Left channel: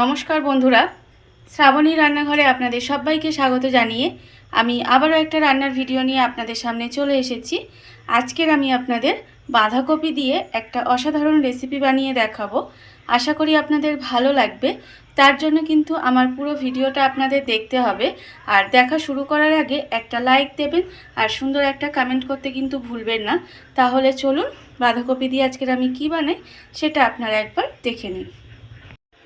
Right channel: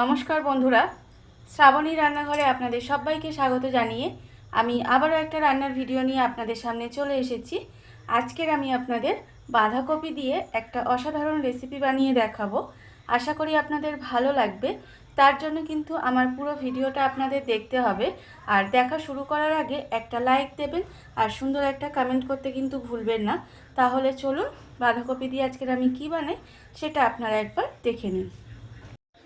নমস্কার বন্ধুরা, শ্রাবণী রান্নাঘরে আপনাদের সবাইকে স্বাগত জানিয়ে আমি আবারও একটা রান্নার ভিডিও নিয়ে আপনাদের সামনে চলে এসেছি। আজকের আমি আপনাদের বাঁধাকপি দিয়ে একটা অসাধারণ রেসিপি বানিয়ে দেখাবো। আশা করি আপনাদের ভালো লাগবে। তার জন্য কিন্তু আমার পুরো ভিডিওটা আপনাদের দেখতে হবে। আর দেখা শুরু করার আগে একটা লাইক দেবেন আর সুন্দর একটা কমেন্ট করতে কিন্তু ভুলবেন না। তাহলে চলুন বাঁধাকপি দিয়ে আজকের আমি কি বানাই সেটা আপনারা একবার দেখে নিন।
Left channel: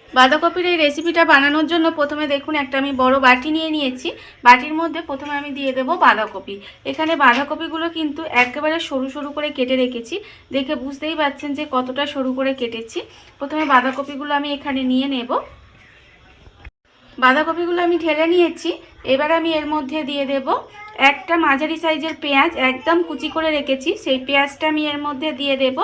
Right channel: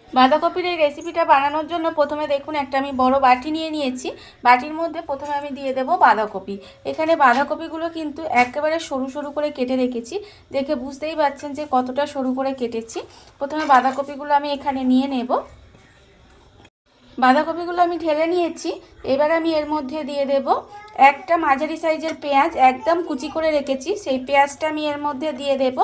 বাঁধাকপির এই রেসিপিটা বানানোর জন্য প্রথমে দেখুন একটা আমি বড় বাটি নিয়ে নিয়েছি। বাটির মধ্যে প্রথমে আমি দিয়ে দেব বাঁধাকপি। এখানে বাঁধাকপিগুলো কিন্তু একেবারে সরু সরু করে কেটে রেখেছি। দেখে বুঝতেই পারছেন যে কতটা সরু করে কেটেছি। প্রথমে বাঁধাকপিগুলো আমি এখানে নিয়ে নেব। বাঁধাকপিগুলো আমি ঢেলে নিয়েছি। এবার আমি এর মধ্যে দিয়ে দেব একটা মাঝারি সাইজের পেঁয়াজ, একদম কুচি করে রেখেছি। সেই পেঁয়াজটা আমি এর মধ্যে দিয়ে দেব।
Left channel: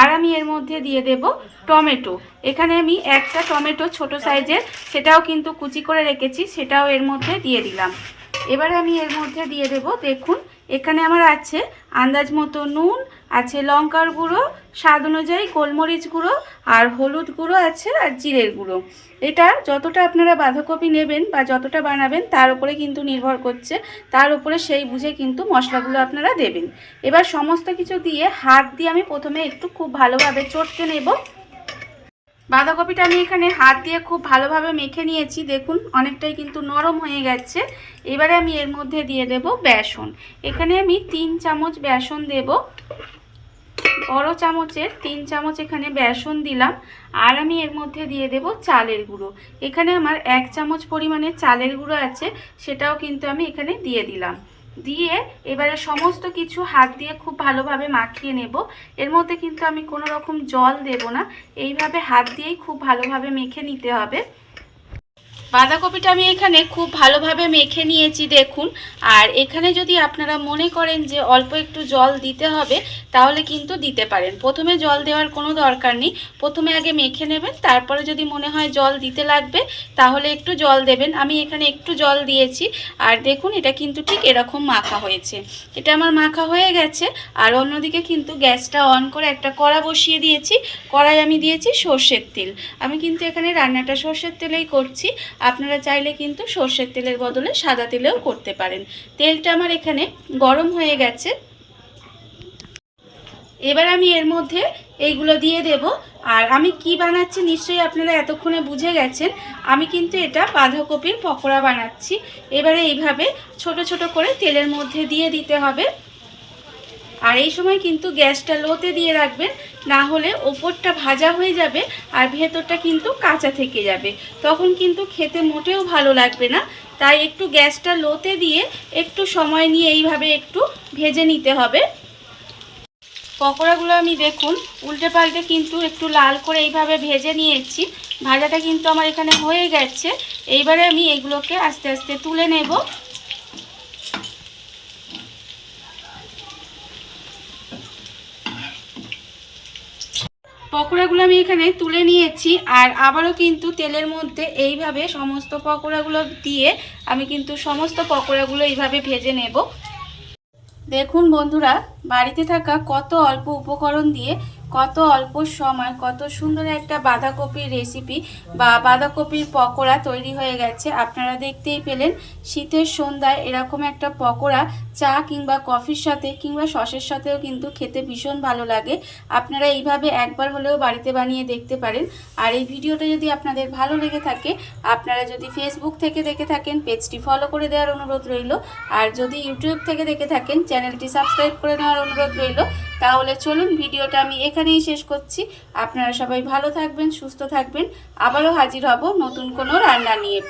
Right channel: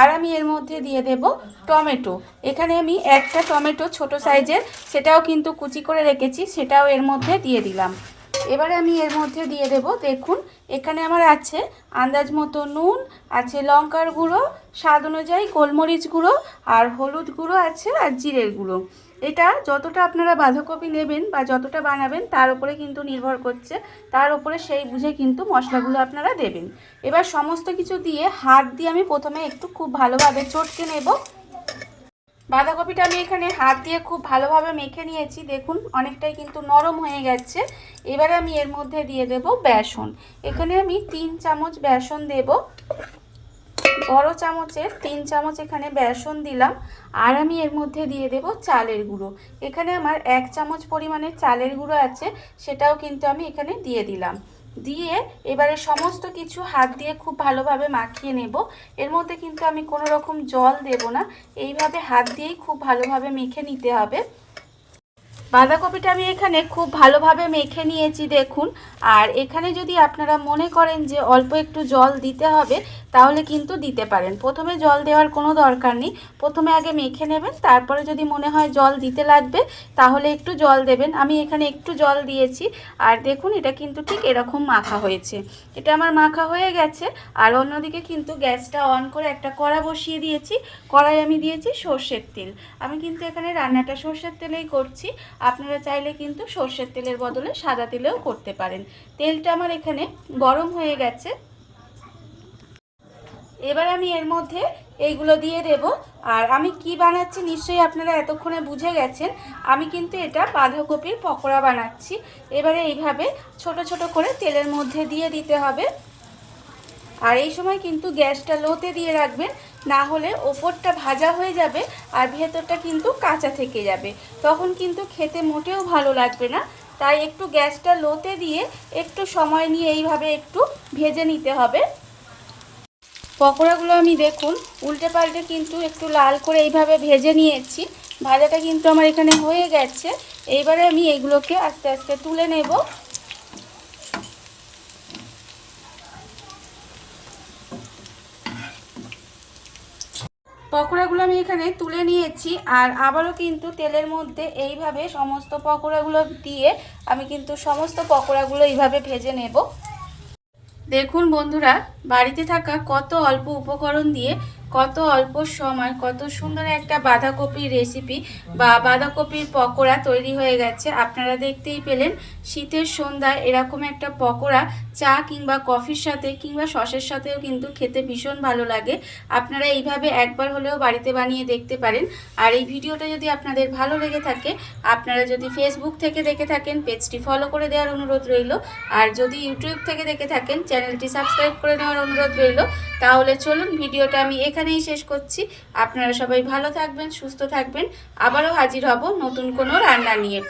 আর আমি এর মধ্যে দিয়ে দেব টমেটো। এখানে আমি একটা টমেটো ছোট সাইজের, সেটাও কিন্তু কুচি করে রেখেছি, সেটাও এর মধ্যে দিয়ে দিলাম। এবারে আমি এর মধ্যে দিয়ে দেব, দেখুন এখানে আমার আছে আন্দাজ মতো নুন, আছে লঙ্কার গুঁড়ো, স্বাদ অনুযায়ী গোলমরিচ গুঁড়ো, আর হলুদ গুঁড়ো আছে, আর জিরের গুঁড়ো। এটা যতটা আপনারা বাঁধাকপি নেবেন বা যতটা বানাবেন তার উপরে কিন্তু নির্ভর করছে। তার উপরে সেই বুঝে কিন্তু মশলাগুলো আপনারা দেবেন। এবার সমস্ত কিছু দিয়ে হাত দিয়ে আমি প্রথমে একটু খুব ভালোভাবে চটকে নেব। বাঁধাকপিটা আমি এখানে হাত দিয়ে খুব ভালোভাবে মেখে নিয়েছি। দেখুন অনেকটাই কিন্তু নরম হয়ে গেছে। এবারে আমি এর মধ্যে দিয়ে দেব বেসন। এখানে আমি 3 চামচ বেসন দেব। বড় চামচের 3 চামচ এখানে বেসন দিলাম। আর আমি এর মধ্যে দিয়ে দেব চালের গুঁড়ো। এখানে আমার 1 চামচ পরিমাণে চালের গুঁড়ো আছে, সেটাও কিন্তু আমি এখানে দিয়ে দিলাম। দিয়ে এবারে সমস্ত কিছু হাত দিয়ে খুব ভালোভাবে মাখিয়ে নেব। এর মধ্যে কিন্তু আমি কোনো রকম জল দেব না, এইভাবে হাত দিয়েই খুব ভালোভাবে মেখে নিতে হবে। বাঁধাকপিটা আমি এখানে খুব ভালোভাবে মেখে নিয়েছি দেখুন। আর এখানে যদি আপনারা মনে করেন যে অল্প একটু জল দিতে হবে, তাহলে কিন্তু দিতে পারেন। প্রথমে জল দেওয়ার কোনো দরকার নেই, প্রথমে আগে মেখে নেবেন, তারপরে যদি মনে হয় জল দিতে লাগবে তাহলে একটু জল দেবেন। আমি এখানে একটু জল দিয়েছি। আর দেখুন এটা কিন্তু ঠিক এরকম মাখা হয়েছে। এটা আমার মাখা হয়ে গেছে। আর অন্যদিকে কিন্তু গ্যাসটা অন করে একটা কড়া বসিয়ে দিয়েছি। কড়াই আমি দিয়েছি সর্ষের তেল। আমি কিন্তু এখানে রান্নাটা সর্ষের তেলেই করছি। আপনারা চাইলে কিন্তু সর্ষের তেলের বদলে সাদা তেলেও করতে পারেন। তেলটা আমার এখানে গরম হয়ে গেছে। এবার আমি এর মধ্যে এইগুলো দিয়ে দেব। আর আমি কি বানাচ্ছি নিশ্চয়ই আপনারা এতক্ষণে বুঝে গেছেন। আমি কিন্তু এটা বাঁধাকপির পকোড়া বানাচ্ছি। এবারে এইভাবে ছোট ছোট করে তেলের মধ্যে দিয়ে দিতে হবে। আর এই সময় কিন্তু গ্যাসটা লোতে দিয়ে রাখবেন, না হলে ওপরটা ভাজা হয়ে যাবে আর ভেতরটা কিন্তু কাঁচা থেকে যাবে, তখন কিন্তু খেতে মোটেও ভালো লাগবে না। তাই একটু গ্যাসটা লোতে দিয়ে একটু সময় নিয়ে এইভাবে একটু ভেজে নিতে হবে। পকোড়াগুলো আমি দেখুন উল্টে পাল্টে কিন্তু একটু লাল করে এইভাবে ভেজে নিয়েছি। ভাজাটা কিন্তু আমার এখানে হয়ে গেছে। এইবারে আমি এগুলোকে আস্তে আস্তে তুলে নেব। পকোড়াগুলো আমি এখানে তুলে নিয়েছি। আর আবারও কিন্তু তেলের মধ্যে এইভাবে সমস্ত পকোড়াগুলো দিয়ে আমি কিন্তু সমস্ত পকোড়াগুলো এইভাবে ভেজে নেব। দেখুন বন্ধুরা, বাড়িতে থাকা কত অল্প উপকরণ দিয়ে কত অল্প সময় কত সুন্দর একটা বাঁধাকপির রেসিপি বা বাঁধাকপির পকোড়া তৈরি হয়ে গেছে। আপনারা দেখতেই পেলেন। শীতের সন্ধ্যায় এরকম একটা পকোড়া চা কিংবা কফির সাথে কিংবা সসের সাথেও কিন্তু খেতে ভীষণ ভালো লাগে। আপনারা এইভাবে একবার হলেও বাড়িতে বানিয়ে দেখতে পারেন। আর এই ভিডিওটা যদি আপনাদের ভালো লেগে থাকে, আপনারা যদি ফেসবুক থেকে দেখে থাকেন পেজটি ফলো করে দেওয়ার অনুরোধ রইল। আর যদি ইউটিউব থেকে দেখে থাকেন চ্যানেলটি সাবস্ক্রাইব করে নেওয়ার অনুরোধ রইল। তাহলে চলুন ভিডিওটা আমি এখানেই শেষ করছি। আপনারা সবাই ভালো থাকবেন, সুস্থ থাকবেন। আবারও হাজির হব নতুন কোনো রান্না নিয়ে।